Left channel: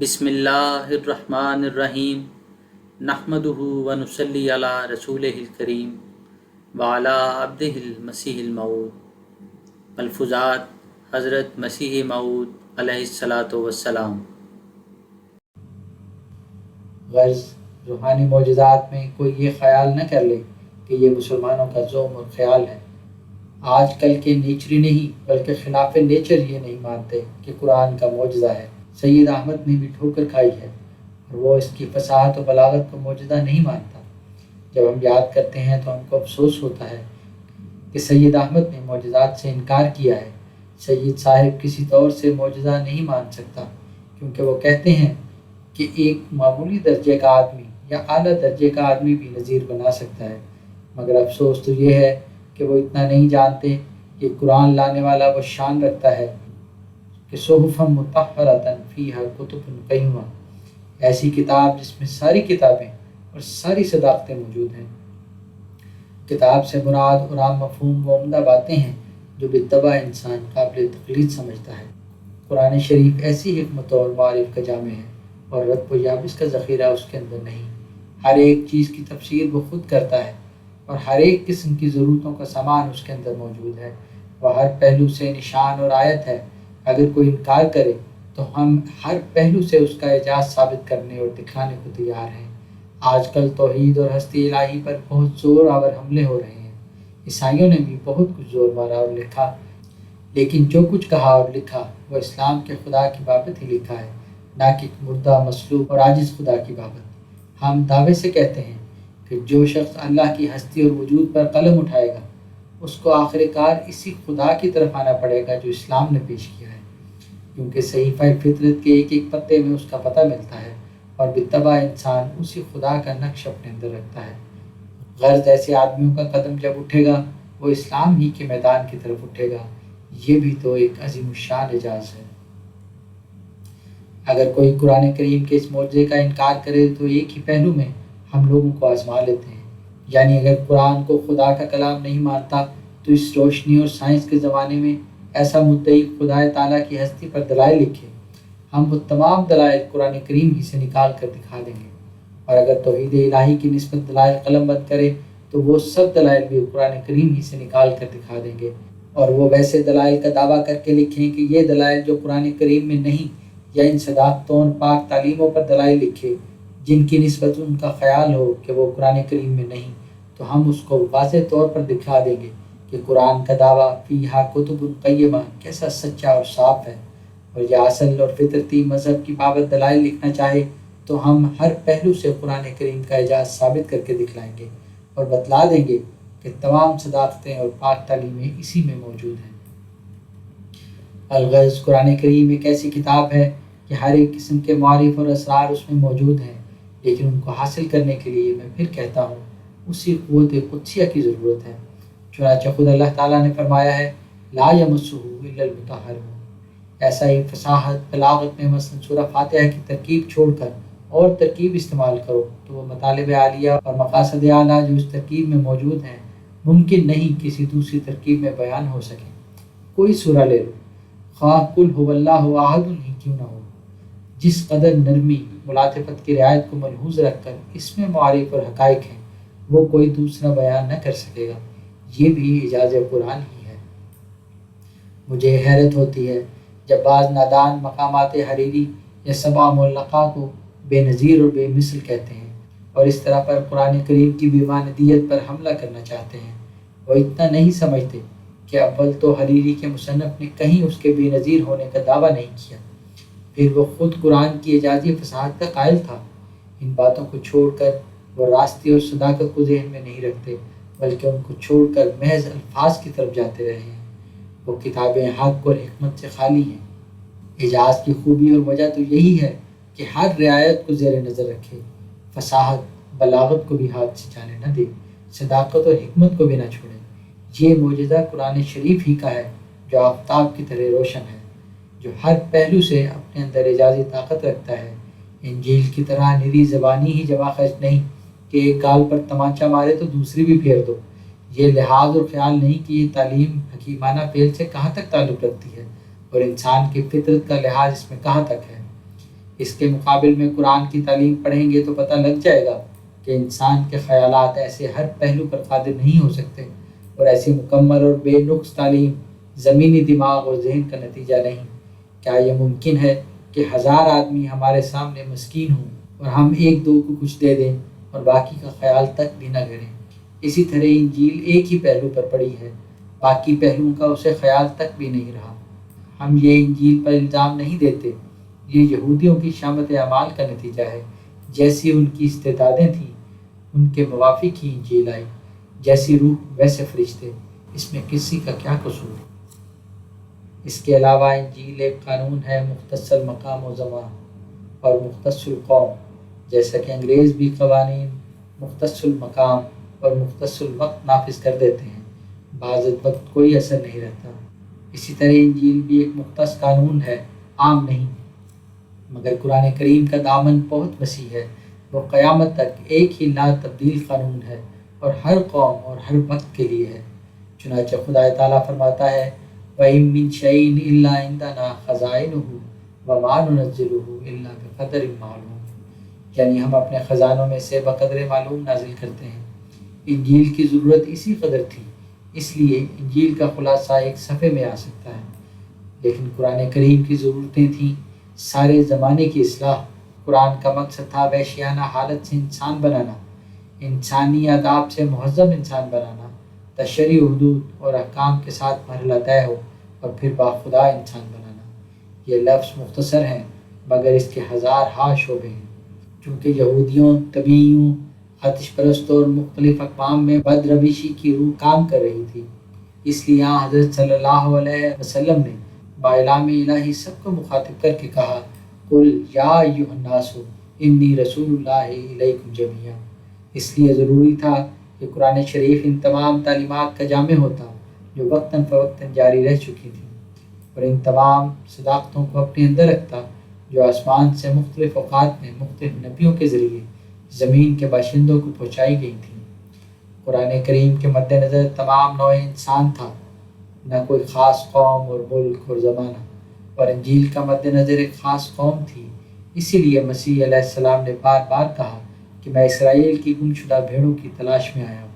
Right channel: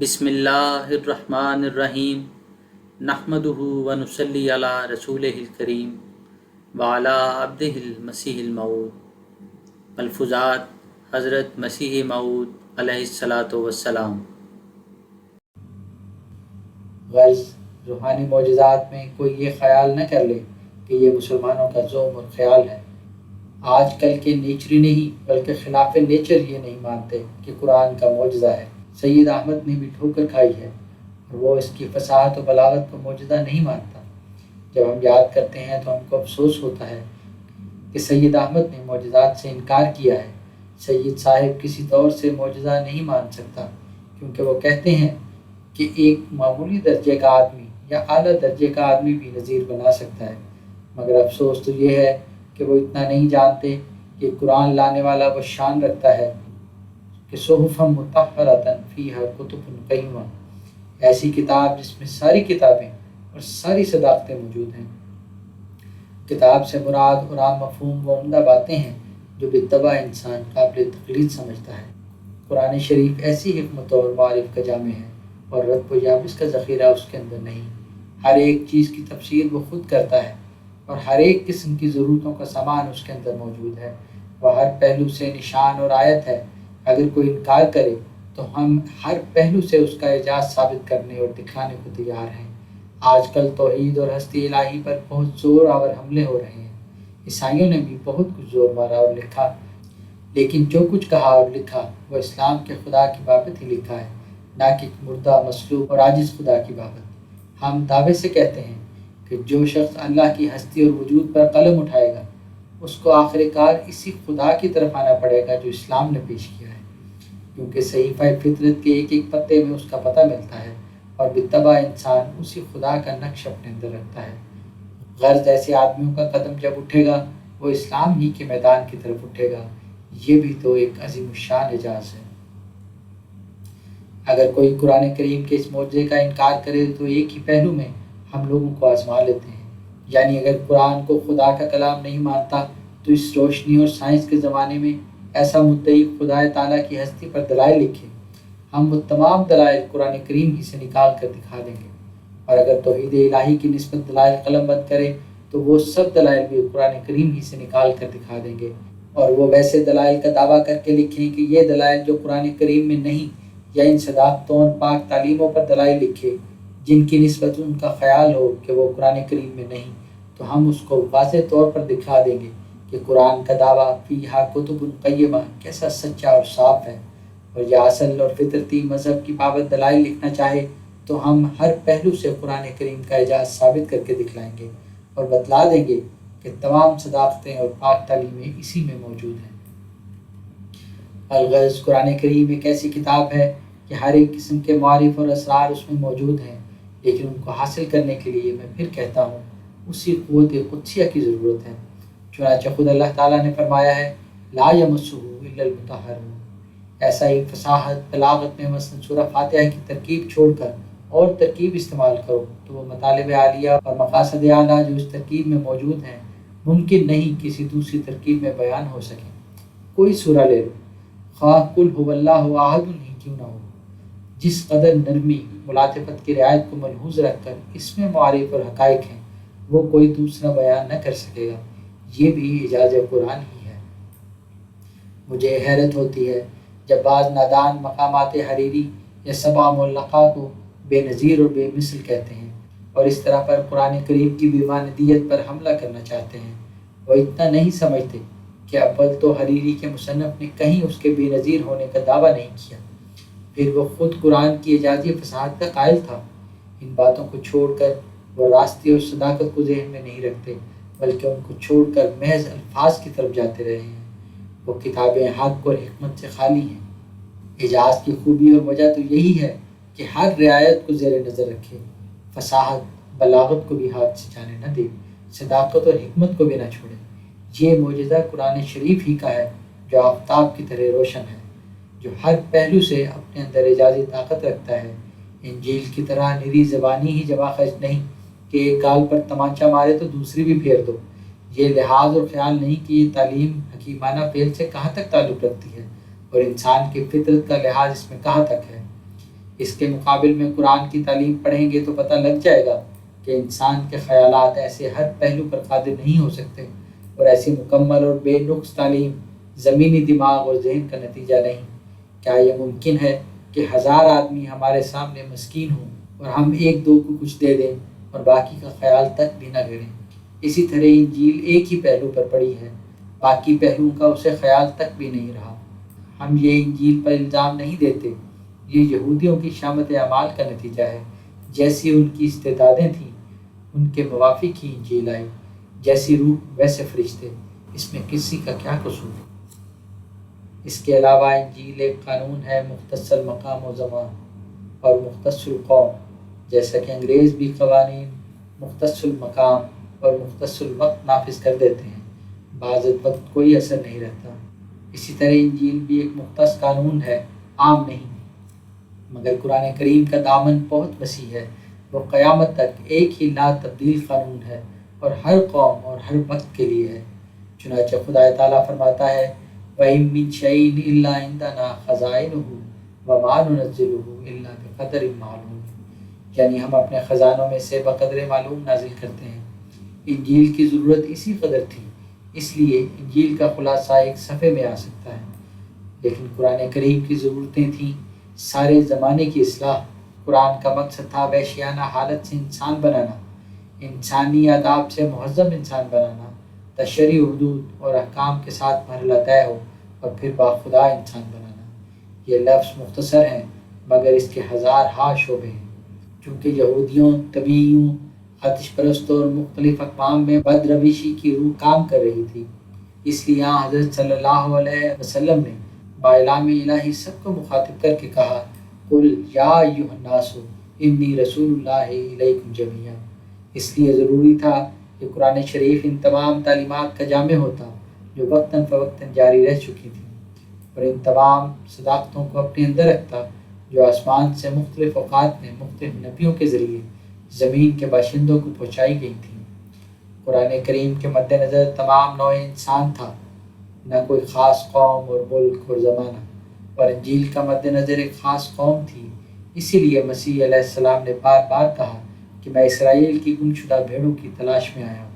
بسم اللہ الرحمن الرحیم نحمدہ ونصلی علی رسولہ الکریم وعلی عبدہ المسیح الموعود۔ ملفوظات حضرت مسیح موعود علیہ الصلاۃ والسلام۔ غرض روحانی معجزات میں کوئی یہ خیال نہ کر لے کہ یہ مسلمانوں کا ذوم اور خیال ہے۔ آج کل کے نیچری نہیں بلکہ خلاف نیچر یہ نہیں مانتے کہ قرآن کا معجزہ ہے۔ سید احمد نے بھی ٹھوکر کھائی ہے اور وہ اس کی فصاحت و بلاغت کو معجزہ نہیں مانتا۔ جب ہم یاد کرتے ہیں تو ہم کو افسوس ہوتا ہے کہ سید احمد نے معجزات سے انکار کیا ہے۔ سید صاحب کسی طور سے معجزہ نہیں مان سکتا، کیونکہ وہ کہتے ہیں کہ ایک معمولی درجے کا آدمی یا اعلیٰ درجے کا آدمی بھی نظیر بنا سکتا ہے، مگر افسوس تو یہ ہے کہ وہ اتنا نہیں جانتے کہ قرآن لانے والا وہ شان رکھتا ہے کہ صحف مطہرۃ فیہا کتب قیمہ، ایسی کتاب جس میں ساری کتابیں اور ساری صداقتیں موجود ہیں۔ کتاب سے مراد اور عام مفہوم و عمدہ باتیں ہیں جو بالطبع انسان قابل تقلید سمجھتا ہے۔ قرآن شریف ایسی حکمت اور معارف کا جامع ہے اور رتب و یابس کا ذخیرہ اس کے اندر نہیں۔ ہر ایک چیز کی تفسیر وہ خود کرتا ہے اور ہر ایک قسم کی ضرورتوں کا سامان اس کے اندر موجود ہے۔ وہ ہر پہلو سے نشان اور آیت ہے۔ اگر کوئی انکار کرے تو ہم ہر پہلو سے اس کا اعجاز ثابت کرنے اور دکھانے کو تیار ہیں۔ آج کل توحید اور ہستی الہی پر بہت زور آور حملے ہو رہے ہیں۔ عیسائیوں نے بھی بہت کچھ زور مارا اور لکھا، لیکن جو کچھ کہا اور لکھا وہ اسلام کے خدا کی بابت ہی لکھا ہے، نہ کہ مردہ، مصلوب اور عاجز خدا کی بابت۔ ہم دعوے سے کہتے ہیں کہ جو شخص اللہ کی ہستی اور وجود پر قلم اٹھائے گا اس کو آخر کار اسی خدا کی طرف آنا پڑے گا جو اسلام نے پیش کیا ہے، کیونکہ صحیفہ فطرت کے ایک ایک پتے میں اس کا پتہ ملتا ہے اور بالطبع انسان اسی خدا کا نقش اپنے اندر رکھتا ہے۔ غرض ایسے آدمیوں کا قدم جب اٹھے گا وہ اسلام ہی کے میدان کی طرف اٹھے گا۔ یہ بھی تو ایک عظیم الشان اعجاز ہے۔ اگر کوئی قرآن کریم کے اس معجزے کا انکار کرے تو ایک ہی پہلو میں ہم لوگوں کو آزما لیتے ہیں۔ یعنی اگر قرآن کو خدا کا کلام نہیں مانتا تو اس روشنی اور سائنس کے زمانے میں ایسا مدعی خدا تعالیٰ کی ہستی پر دلائل لکھے، ہم وہ تمام دلائل قرآن کریم ہی سے نکال کر دکھا دیں گے۔ اور اگر توحید الہی کی نسبت دلائل قلم بند کرے تو وہ سب دلائل بھی قرآن کریم ہی سے نکال کر دکھا دیں گے، اور وہ ویسے دلائل کا دعویٰ کر کے لکھیں کہ یہ دلائل جو قرآن کریم میں نہیں، یا ان صداقتوں اور پاک تعلیموں پر دلائل لکھے جن کی نسبت ان کا خیال ہو کہ وہ قرآن کریم میں نہیں، تو ہم اس کو واضح طور پر دکھا دیں گے کہ قرآن کا دعویٰ فیہا کتب قیمہ کیسا سچا اور صاف ہے۔ اور یہ اصل اور فطرتی مذہب کی بابت دلائل لکھنا چاہے تو ہم ہر پہلو سے قرآن کریم کا اعجاز ثابت کر کے دکھلائیں گے اور بتلا دیں گے کہ تمام صداقتیں اور پاک تعلیمیں اسی میں موجود ہیں۔ الغرض قرآن کریم ایک ایسی کتاب ہے کہ ہر ایک قسم کے معارف اور اسرار اس میں موجود ہیں، لیکن ان کو حاصل کرنے کے لیے میں پھر کہتا ہوں اسی قوت قدسیہ کی ضرورت ہے۔ چنانچہ خود اللہ تعالیٰ نے فرمایا ہے لا یمسہ الا المطہرون۔ ایسا ہی فصاحت بلاغت میں مثلا سورہ فاتحہ کی ترکیب چھوڑ کر اور ترکیب استعمال کرو تو وہ مطالب عالیہ اور مقاصد اعلیٰ جو اس ترکیب میں موجود ہیں ممکن نہیں کسی دوسری ترکیب میں بیان ہو سکیں۔ کوئی سورہ لے لو، خواہ قل هو اللہ احد ہی کیوں نہ ہو، جس قدر نرمی ملاطفت کی رعایت کو ملحوظ رکھ کر اس میں معارف اور حقائق ہیں وہ کوئی دوسرا بیان نہ کر سکے گا۔ یہ بھی اعجاز قرآن ہی ہے۔ مجھے حیرت ہوتی ہے جب بعض نادان مقامات حریری یا سبع معلقہ کو بے نظیر اور بے مثل کہتے ہیں اور اس طرح پر قرآن کریم کی بیماندیت پر حملہ کرنا چاہتے ہیں۔ وہ اتنا نہیں سمجھتے کہ اول تو حریری کے مصنف نے کہیں اس کے بے نظیر ہونے کا دعویٰ نہیں کیا، پھر وہ خود قرآن کی اعجازی فصاحت کا قائل تھا۔ ان باتوں کو چھوڑ کر وہ راستی اور صداقت کو ذہن میں نہیں رکھتے، بلکہ ان کو چھوڑ کر محض الفاظ کی طرف جاتے رہے ہیں۔ وہ کتابیں حق اور حکمت سے خالی ہیں۔ اعجاز کی خوبی اور وجہ تو یہی ہے کہ ہر رعایت کو زیر نظر رکھے، فصاحت بلاغت کو بھی ہاتھ سے جانے نہ دے، صداقت اور حکمت کو بھی نہ چھوڑے۔ یہ معجزہ قرآن شریف ہی کا ہے جو آفتاب کی طرح روشن ہے، جو ہر پہلو سے اپنے اندر اعجازی طاقت رکھتا ہے۔ انجیل کی طرح نری زبانی ہی جمع خرچ نہیں کہ ایک گال پر تمانچہ مارے تو دوسری بھی پھیر دو۔ یہ لحاظ اور خیال نہیں کہ یہ تعلیم حکیمانہ فعل سے کہاں تک تعلق رکھتی ہے اور انسان کی فطرت کا لحاظ اس میں کہاں تک ہے۔ اس کے مقابل میں قرآن کی تعلیم پڑھیں گے تو پتہ لگ جائے گا کہ انسان کے خیالات ایسے ہر پہلو پر قادر نہیں ہو سکتے، اور ایسی مکمل اور بے نقص تعلیم زمینی دماغ اور ذہن کا نتیجہ نہیں۔ کیا یہ ممکن ہے کہ 1000 آدمی ہمارے سامنے مسکین ہوں اور ہم ایک دو کو کچھ دے دیں اور باقی کا خیال تک بھی نہ کریں؟ اسی طرح انجیل ایک ہی پہلو پر پڑی ہے، باقی پہلوؤں کا اسے خیال تک بھی نہیں رہا۔ ہم یہ انجیل پر الزام نہیں دیتے، یہ یہودیوں کی شامت اعمال کا نتیجہ ہے۔ جیسی ان کی استعدادیں تھیں ان کے موافق ہی انجیل آئی، جیسی روح ویسے فرشتے، اس میں کسی کا کیا قصور؟ اس کے علاوہ انجیل ایک قانون ہے مختص المقام و زمان اور مختص القوم، جیسا کہ انگریز بھی قوانین مختص المقام اور مختص الوقت نافذ کر دیتے ہیں، بعض وقت کوئی اثر نہیں رہتا۔ اسی طرح انجیل بھی ایک مختص قانون ہے، عام نہیں۔ مگر قرآن کریم کا دامن بہت وسیع ہے، وہ قیامت تک ایک ہی لا تبدیل قانون ہے اور ہر قوم اور ہر وقت کے لیے ہے۔ چنانچہ خدا تعالیٰ فرماتا ہے وَإِن مِّن شَيْءٍ إِلَّا عِندَنَا خَزَائِنُهُ وَمَا نُنَزِّلُهُ إِلَّا بِقَدَرٍ مَّعْلُومٍ، یعنی ہم اپنے خزانوں میں سے بقدر معلوم نازل کرتے ہیں۔ انجیل کی ضرورت اسی قدر تھی، اس لیے انجیل کا خلاصہ ایک صفحے میں آ سکتا ہے، لیکن قرآن کریم کی ضرورتیں تھیں سارے زمانے کی اصلاح۔ قرآن کا مقصد تھا وحشیانہ حالت سے انسان بنانا، انسانی آداب سے مہذب انسان بنانا، تشریع حدود اور احکام کے ساتھ مرحلہ طے ہو اور پھر باخدا انسان بنانا۔ یہ لفظ مختصر ہیں مگر اس کے 1000 شعبے ہیں۔ چونکہ یہودیوں، طبیعیوں، آتش پرستوں اور مختلف اقوام میں بد روشی کی روح کام کر رہی تھی، اس لیے حضرت صلی اللہ علیہ وسلم نے باعلام الہی سب کو مخاطب کر کے کہا قل یا ایھا الناس انی رسول اللہ الیکم جمیعا۔ اس لیے ضروری تھا کہ قرآن شریف ان تمام تعلیمات کا جامع ہوتا جو وقتاً فوقتاً جاری رہ چکی تھیں، اور ان تمام صداقتوں کو اپنے اندر رکھتا جو آسمان سے مختلف اوقات میں مختلف نبیوں کے ذریعے زمین کے باشندوں کو پہنچائی گئی تھیں۔ قرآن کریم کے مد نظر تمام نوع انسان تھا، نہ کوئی خاص قوم اور ملک اور زمانہ، اور انجیل کا مد نظر ایک خاص قوم تھی۔ اسی لیے مسیح علیہ السلام نے بار بار کہا کہ میں اسرائیل کی گم شدہ بھیڑوں کی تلاش میں آیا ہوں۔